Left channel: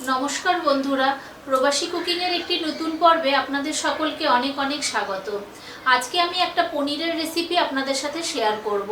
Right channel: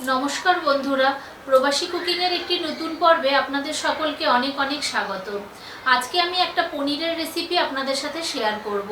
নমস্কার বন্ধুরা, প্রবাসী কুকিংয়ের একটি নতুন পর্বে আপনাদের সকলকে অনেক অনেক স্বাগত। আজকে আমি একটা পনিরের রেসিপি আপনাদের সাথে শেয়ার করব।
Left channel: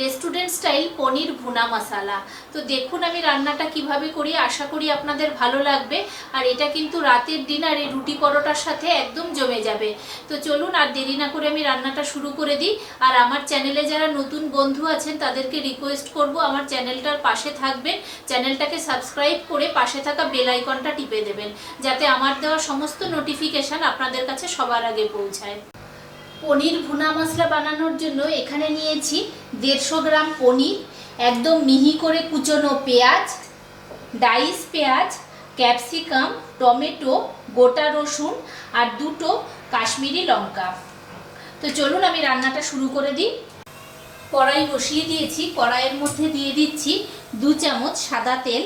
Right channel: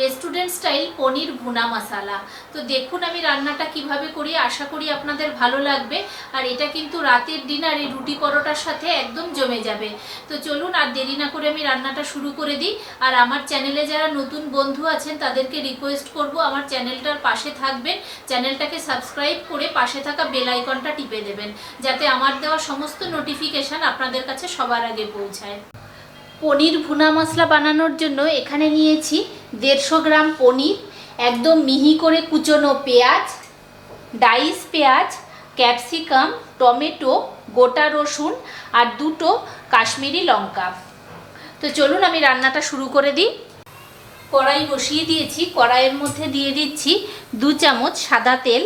রেস্টুরেন্ট স্টাইল পনির ভুনা মশালা। তো দেখুন আমি রান্নাটা কিভাবে করি, আশা করি আপনাদের ভালো লাগবে। আর এটা কিন্তু রাতের ডিনারে রুটি পরোটার সাথে একদম জমে যাবে। তো চলুন আর দেরি না করে আমি রান্নাটা শুরু করে দিই। আর আমার চ্যানেলে যারা নতুন বন্ধু আছেন তাদেরকে রিকোয়েস্ট করব আমার চ্যানেলটার পাশে থাকবেন, চ্যানেলটাকে সাবস্ক্রাইব করে পাশে থাকা বেল আইকনটা টিপে দেবেন, যাতে আমার দেওয়া সমস্ত নোটিফিকেশান আপনাদের কাছে সবার আগে পৌঁছায়। পনির ভুনা মশলা বানানোর জন্য এখানে নিয়েছি 150 গ্রাম পনির, একদম মিহি করে কুচনো পেঁয়াজ, ডাইস পেঁয়াজ, ক্যাপসিকাম, টমেটো, গোটা রসুন আর 2টো কাশ্মীরি লঙ্কা। তো চলুন আমি রান্নাটা শুরু করে দিই। কড়াই বসিয়ে দিয়েছি, কড়াইয়ের মধ্যে দিয়ে দিচ্ছি 2 চামচ সাদা তেল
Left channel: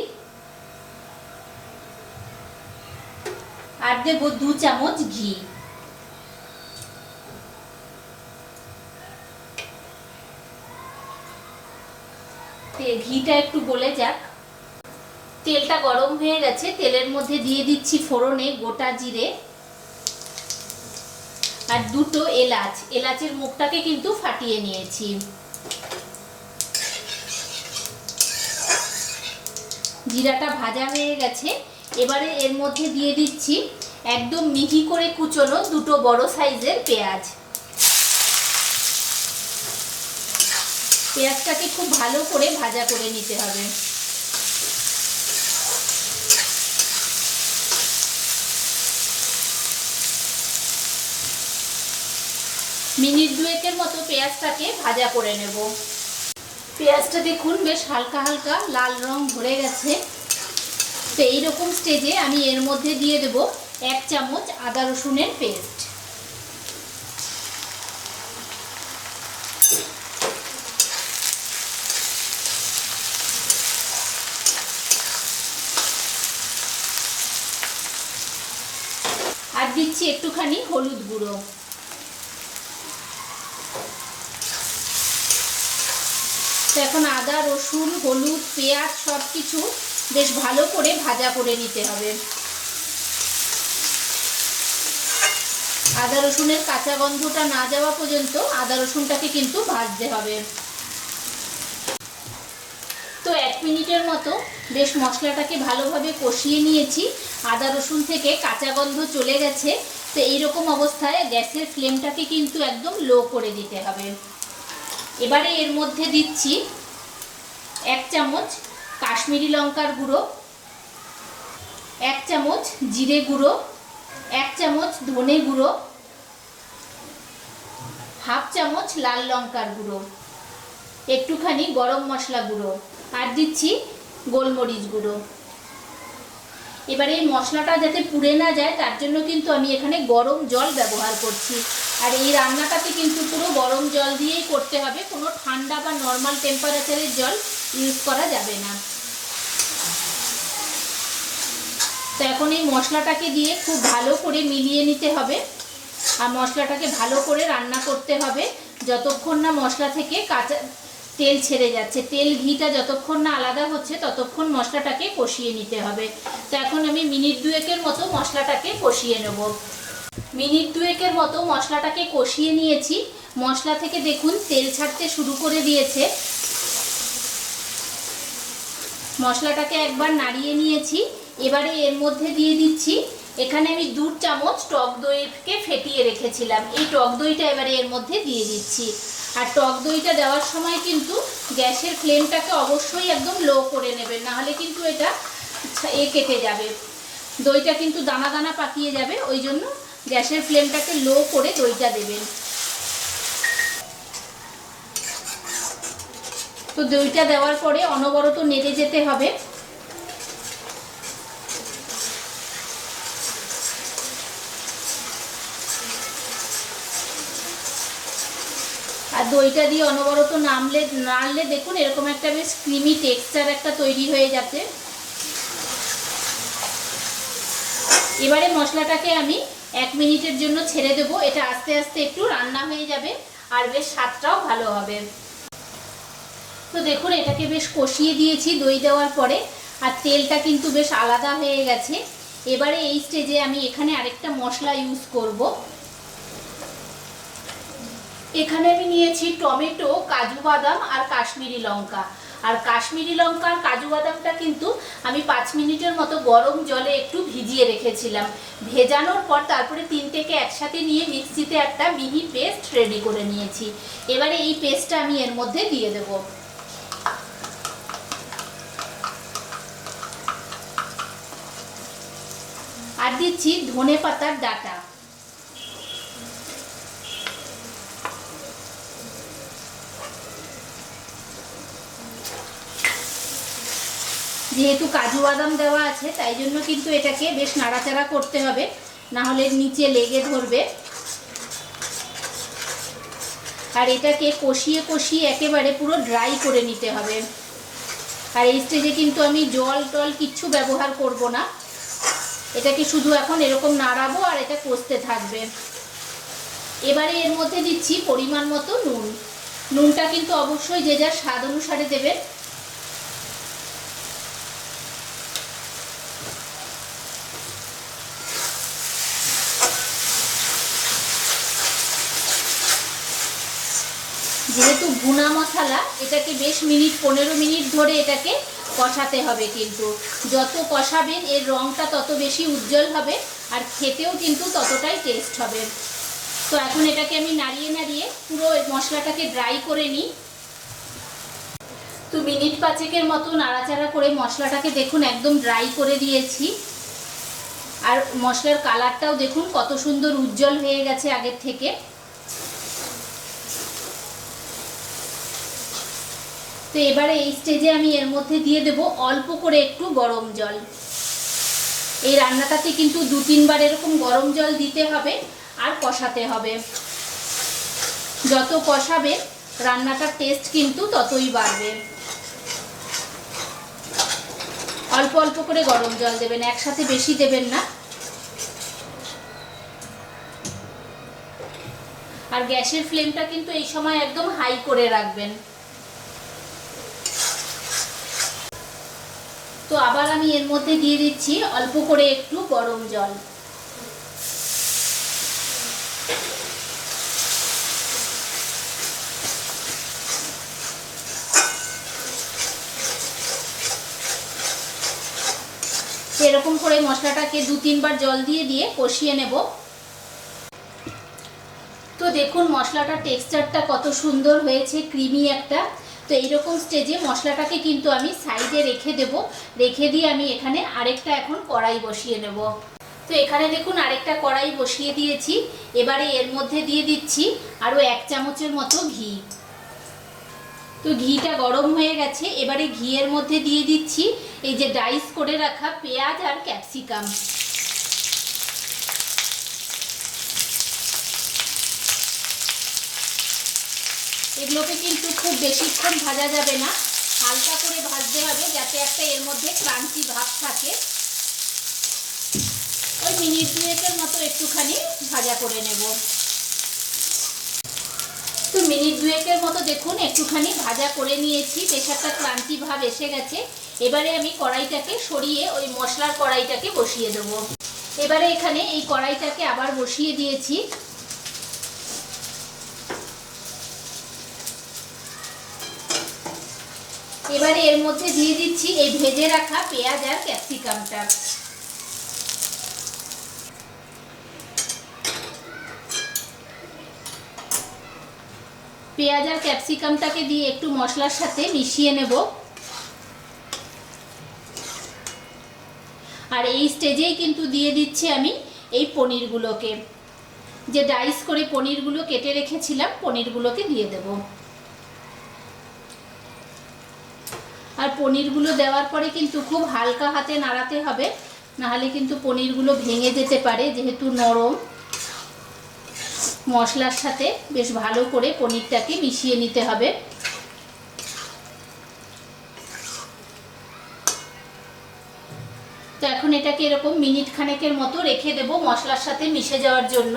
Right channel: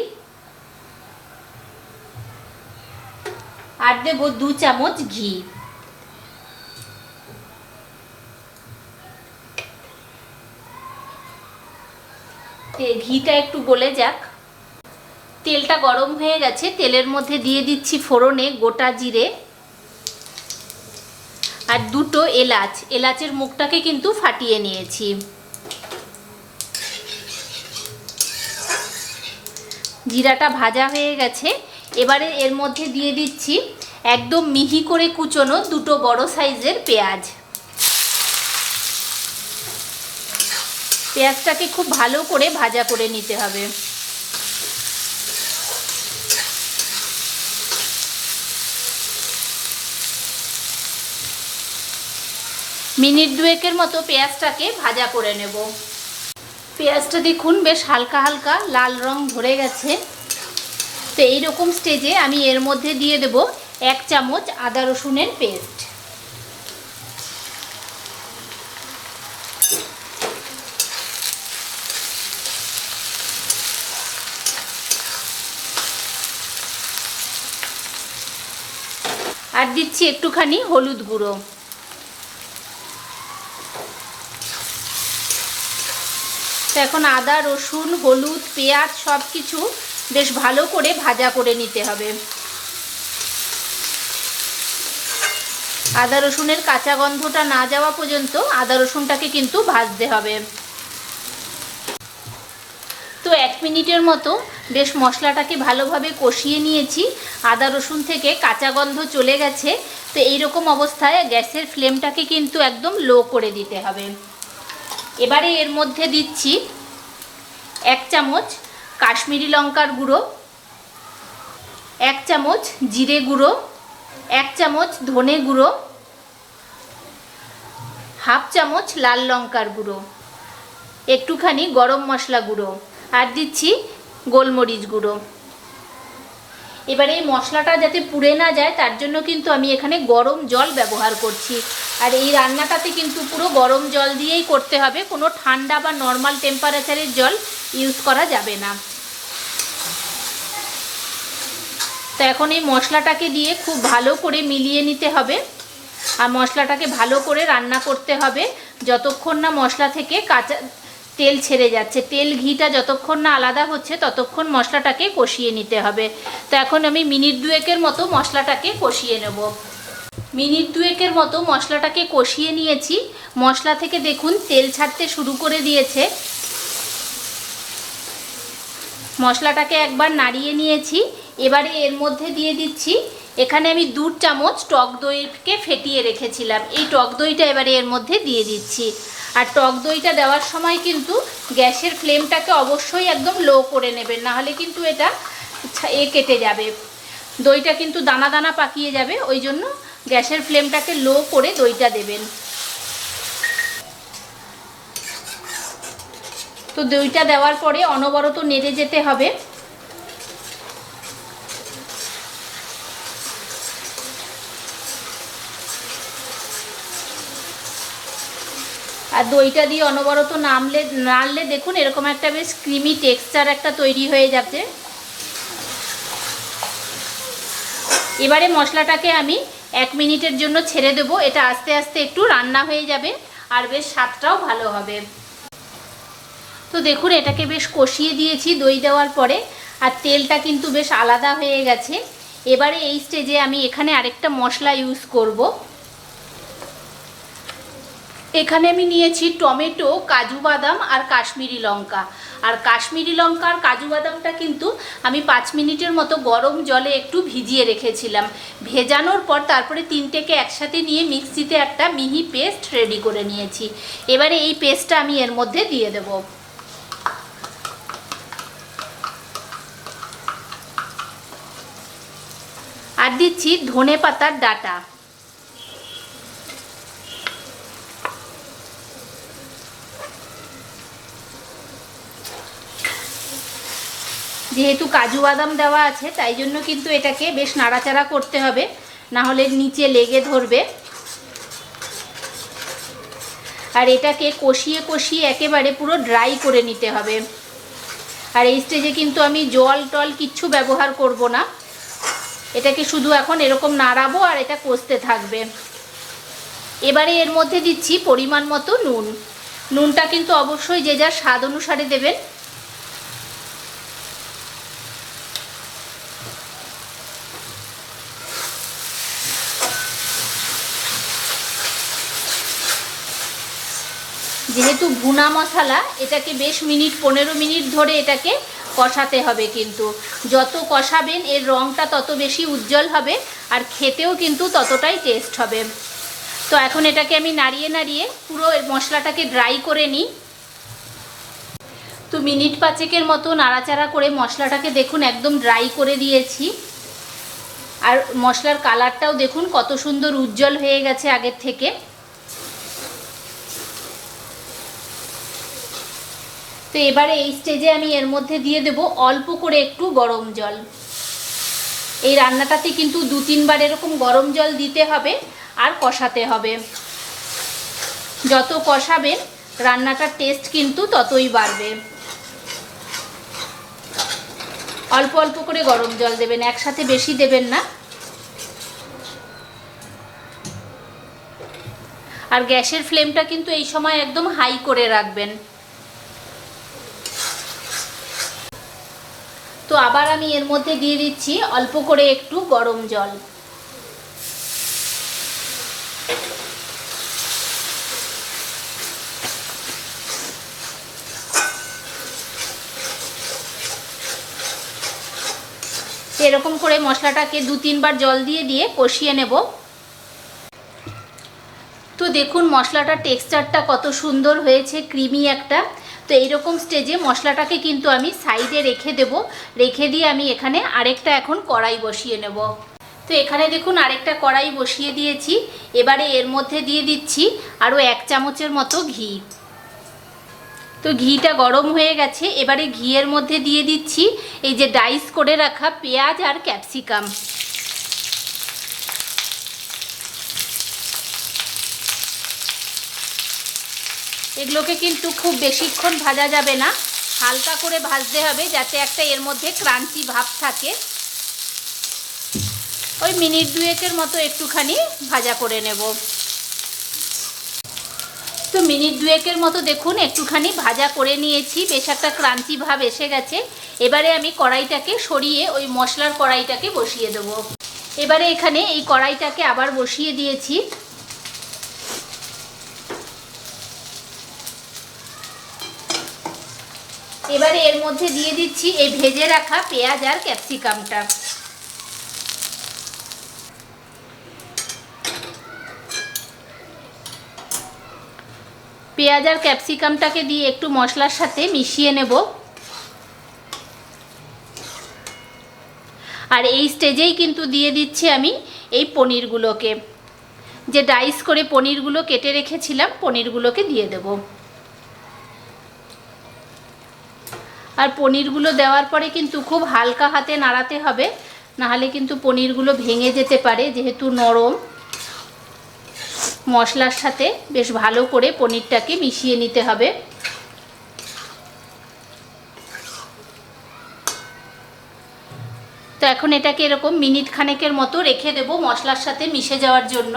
আর দেব 2 চামচ ঘি। ঘিটা একটু গলে যাক। তেলটা গরম হয়ে গেছে, তেলের মধ্যে দিয়ে দিচ্ছি ফোড়নে গোটা জিরে আর 2টো এলাচ। এলাচের মুখটাকে কিন্তু ফাটিয়ে নিয়েছি। জিরাটা ভাজা হয়ে গেছে, এবারে এর মধ্যে দিয়ে দিচ্ছি একদম মিহি করে কুচনো 2টো বড় সাইজের পেঁয়াজ। পেঁয়াজটাকে খুব ভালো করে ভাজা করে নিতে হবে। মিনিট 2 মতো পেঁয়াজটাকে ভাজা করে নেব। পেঁয়াজটা দেখুন বেশ হালকা হালকা লাল রং ধরে গেছে। তো এইরকম স্টেজে আমি এর মধ্যে দিয়ে দেব 1 চামচ আদা রসুনের পেস্ট। আর দিচ্ছি একটুখানি হলুদ গুঁড়ো। তো এখন আদা রসুন হলুদ পেঁয়াজ সব কিছু বেশ ভালো করে ভাজা করে নিতে হবে। আদা রসুনের কাঁচা গন্ধটা না যাওয়া পর্যন্ত আদা রসুনটাকে কিন্তু ভাজতে হবে। তো 1 মিনিটের মতো বেশ মশলাটাকে ভালোভাবে কষিয়ে নিয়েছি। আদা রসুন থেকে কাঁচা গন্ধ চলে গেছে। তো এইরকম অবস্থায় গ্যাসের ফ্লেমটাকে কিন্তু একদম লো করে দিতে হবে। এবারে এর মধ্যে দিচ্ছি 1 চামচ কাশ্মীরি লঙ্কার গুঁড়ো, 1 চামচ জিরে গুঁড়ো, 1 চামচ ধনে গুঁড়ো, হাফ চামচ লাল লঙ্কার গুঁড়ো, একটুখানি গরম মশলা গুঁড়ো আর দিচ্ছি গোলমরিচ গুঁড়ো। এবারে এই মশলাটা যাতে পুড়ে না যায় তার জন্য কিন্তু আমি এখানে গরম জল ব্যবহার করছি। আর এই রান্নাটাতে কিন্তু পুরো গরম জল দিয়েই করতে হবে, কোনো ঠান্ডা বা নর্মাল টেম্পারেচারের জল ইউজ করা যাবে না। তো এখন এই মশলাটাকে দিয়ে খুব ভালো করে মিলিয়ে নিতে হবে। আর মশলাটাকে ভালো করে রান্না করতে হবে যতক্ষণ না মশলা থেকে কাঁচা তেল ছেড়ে যাচ্ছে। তেল ঘিটা যতক্ষণ না আলাদা হচ্ছে ততক্ষণ মশলাটাকে কষিয়ে নিতে হবে। তো এখন আমি মিনিট 2 মতো মশলাটাকে কষিয়ে নেব। মিনিট 2 মতো মশলাটাকে কষিয়ে নিয়েছি। মশলা থেকে দেখুন তেল ছাড়তে শুরু করে দিয়েছে। মশলাটাকে একবার নাড়িয়ে নিয়েছি। এবারে এর মধ্যে দিয়ে দিচ্ছি, এখানে আমি 2 চামচ টক দইকে ফেটিয়ে রেখেছিলাম। এই টক দইটা এবারে এর মধ্যে দিয়ে দিচ্ছি। আর টক দইটা দেওয়ার সময় কিন্তু গ্যাসের ফ্লেমটাকে অবশ্যই একদম লো করে নেবেন, নাহলে কিন্তু এটা কেটে যাবে। দইটা কিন্তু দানা দানা পাকিয়ে যাবে, ওই জন্য গ্যাসের ফ্লেমটাকে লো করে দইটা দেবেন। তো দইটা দেওয়ার পরে অনবরত নেড়ে যেতে হবে। আর দইটা দিয়ে অনবরত নাড়লে দেখুন এরকম একটা বেশ ক্রিমি টেক্সচার একটা তৈরি হয়ে যাচ্ছে। এবারে মশলাটাকে আমি 1 মিনিটের জন্য ছেড়ে দেবো। এটা আস্তে আস্তে একটু রান্না হয়ে যাবে আর বেশ স্বাদটাও ভালো হবে। তো দেখুন এটাকে বেশ কষিয়ে দিয়েছি দই দেওয়ার পরে। আর তেলটা কিন্তু বেশ আলাদা হয়ে গেছে। এবারে এই স্টেজে আমি এখানে আরেকটা মশলা ইউজ করব। এখানে আমি নিয়েছি টমেটো, কাজু বাদাম আর কাশ্মীরি লঙ্কা। আর কাশ্মীরি লঙ্কা আর কাজু বাদামটা কিন্তু আমি 5 মিনিটের মতো গরম জলে একটু ভিজিয়ে রেখেছিলাম। ভেজানোর পর তারপরে তিনটেকে একসাথে নিয়ে মিক্সিতে একটা মিহি পেস্ট রেডি করে নিয়েছি। এবারে এই পেস্টটা আমি এর মধ্যে দিয়ে দেব। আর দিচ্ছি ধনে পাতার ডাঁটা। যেহেতু কাজু বাদাম দেওয়া আছে তাই জন্য কিন্তু এটাকে বেশ নাড়াচাড়া করতে হবে, না হলে নিচে লেগে ধরবে। আর এটাকে কষিয়ে কষিয়ে একেবারে পুরো ড্রাই করে নিতে হবে। আর এই স্টেজে কিন্তু আমি জল টল কিচ্ছু ব্যবহার করব না, এটাকে শুধু এখন এরকম নাড়াবো আর এটা কষতে থাকবে। এবারে এর মধ্যে দিচ্ছি পরিমাণ মতো নুন। নুনটা কিন্তু অবশ্যই যে যার স্বাদ অনুসারে দেবেন। যেহেতু ভুনা মশলা, এটাকে বেশ 15 মিনিট ধরে এটাকে কষাতে হবে। কিন্তু যত কষাবেন এর রঙটা তত বেশি উজ্জ্বল হবে আর খেতেও কিন্তু ততটাই টেস্ট হবে। তো এখন এটাকে আমি নাড়িয়ে নাড়িয়ে পুরো মশলাটাকে ড্রাই করে নিই। তো মিনিট 5 মতো নাড়াচাড়া করে মশলাটাকে দেখুন একদম ড্রাই করে দিয়েছি। আর মশলার কালারটাও দেখুন কত সুন্দর উজ্জ্বল হয়ে গেছে আগের থেকে। তো এবারে এই স্টেজে আমি এর মধ্যে দিয়ে দেব অল্প করে একটু গরম জল। এই রান্নাটাতে কিন্তু 2-3 বার এরকম গরম জল দিতে হবে আর কষাতে হবে। যত কষাবেন রান্নাটার টেস্ট কিন্তু ততই বাড়বে। অল্প অল্প করে গরম জল দেবেন, একসাথে বেশি দেবেন না। আর গ্যাসের ফ্লেমটা কিন্তু এই সময় একদম হাই করে রাখবেন। তো আবার আমি এর মধ্যে দিয়ে দিচ্ছি অল্প করে একটু গরম জল। এরকম করে মশলাটাকে 2-3 বার জল দিয়ে দিয়ে কষিয়ে নেব। তো দেখুন মশলাটার টেক্সচারটা কত সুন্দর হয়েছে, ক্রিমি একটা। তো এইরকম স্টেজে মশলাটাকে কিন্তু আমি সাইডে রেখে দেব। রেখে দিয়ে আমি এখানে আরেকটা এখন কড়াই বসিয়ে নেব। তো এখানে দেখুন আরেকটা কড়াই বসিয়ে দিয়েছি। এবারে এর মধ্যে দিয়ে দিচ্ছি আরও 1 চামচের মতো ঘি। তো ঘিটা গরম হয়ে গেছে। এবারে ঘিয়ের মধ্যে দিয়ে দিচ্ছি এই যে ডাইস করে রাখা পেঁয়াজ আর ক্যাপসিকাম। এগুলোকে কিন্তু খুব বেশিক্ষণ ভাজা যাবে না, হালকা করে ভাজতে হবে যাতে একটা এর মধ্যে ক্রাঞ্চি ভাব থাকে। ওই মিনিট 2 মতো একটুখানি ভাজা করে নেব। তো মিনিট 2 মতো দেখুন একটুখানি ভাজা করে নিয়েছি, বেশ একটা ক্রাঞ্চি ভাব এসে গেছে। এবারে আমি কড়াইটাকে সরিয়ে ওই মশলার কড়াইটাকে বসিয়ে দেব। এবারে এখানে এই কড়াইটাকে আবার বসিয়ে দিয়েছি। এবারে এর মধ্যে দিয়ে দিচ্ছি এই ভেজে রাখা পেঁয়াজ আর ক্যাপসিকামটা। পেঁয়াজ আর ক্যাপসিকামটাকে দিয়ে একটু মশলার সাথে মিশিয়ে নেব। আর এই স্টেজেই কিন্তু দিয়ে দিচ্ছি আমি এই পনিরগুলোকে, যে ডাইস করে পনিরগুলো কেটে রেখেছিলাম পনিরগুলোকে দিয়ে দেব। আর পনিরগুলো দেওয়ার পরে কিন্তু খুব হালকা হাতে নাড়াতে হবে, নাহলে কিন্তু পনিরগুলো ভেঙে যেতে পারে। যেহেতু নরম, মশলার সাথে বেশ ভালো করে পনিরটাকে মিশিয়ে নিতে হবে। তো এখন এটাকে এরকম মিনিট খানেকের মতো রেখে দেব মশলার সাথে মিশে যাওয়ার জন্য।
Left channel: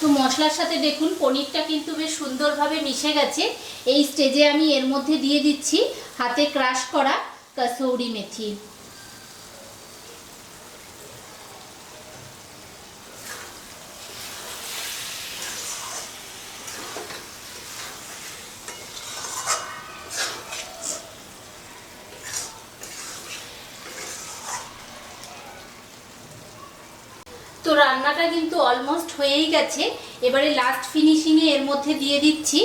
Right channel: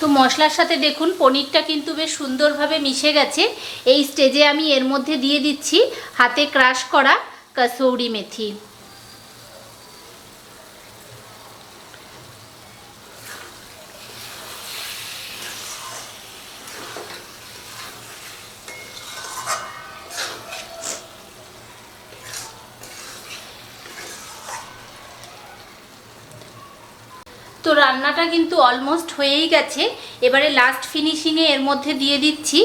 তো মশলার সাথে দেখুন পনিরটা কিন্তু বেশ সুন্দরভাবে মিশে গেছে। এই স্টেজে আমি এর মধ্যে দিয়ে দিচ্ছি হাতে ক্রাশ করা কসৌরি মেথি। তো রান্নাটা কিন্তু অলমোস্ট হয়েই গেছে। এবারে লাস্ট ফিনিশিংয়ে এর মধ্যে দিয়ে দিচ্ছি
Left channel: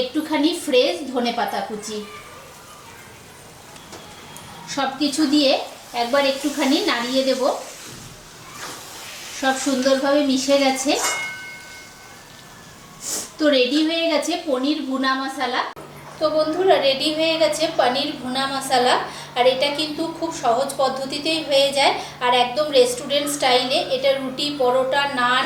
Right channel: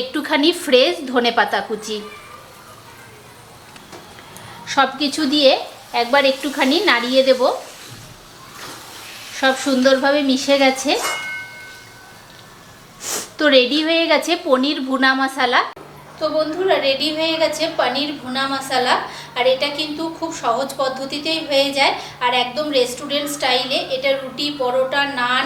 একটুখানি ফ্রেশ ধনেপাতা কুচি। সব কিছু দিয়ে একবার একটুখানি নাড়িয়ে দেব। সব সুন্দরভাবে মিশে গেছে। তো রেডি হয়ে গেছে পনির ভুনা মশলা। তো বন্ধুরা, রেডি হয়ে গেছে পনির ভুনা মশলা। আর এটা কিন্তু খুব সহজ পদ্ধতিতেই হয়ে যায় আর একদম রেস্টুরেন্ট স্টাইলে। এটা রুটি, পরোটা, নান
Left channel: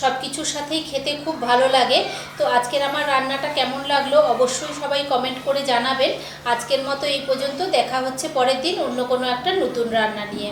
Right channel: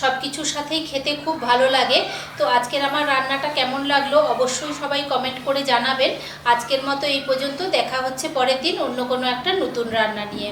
সব কিছুর সাথেই খেতে খুব ভালো লাগে। তো আজকের আমার রান্নাটা কেমন লাগলো অবশ্যই সবাই কমেন্ট করে জানাবেন। আজকের মতো এই পর্যন্ত। দেখা হচ্ছে পরের দিন অন্য কোনো একটা নতুন রান্না নিয়ে।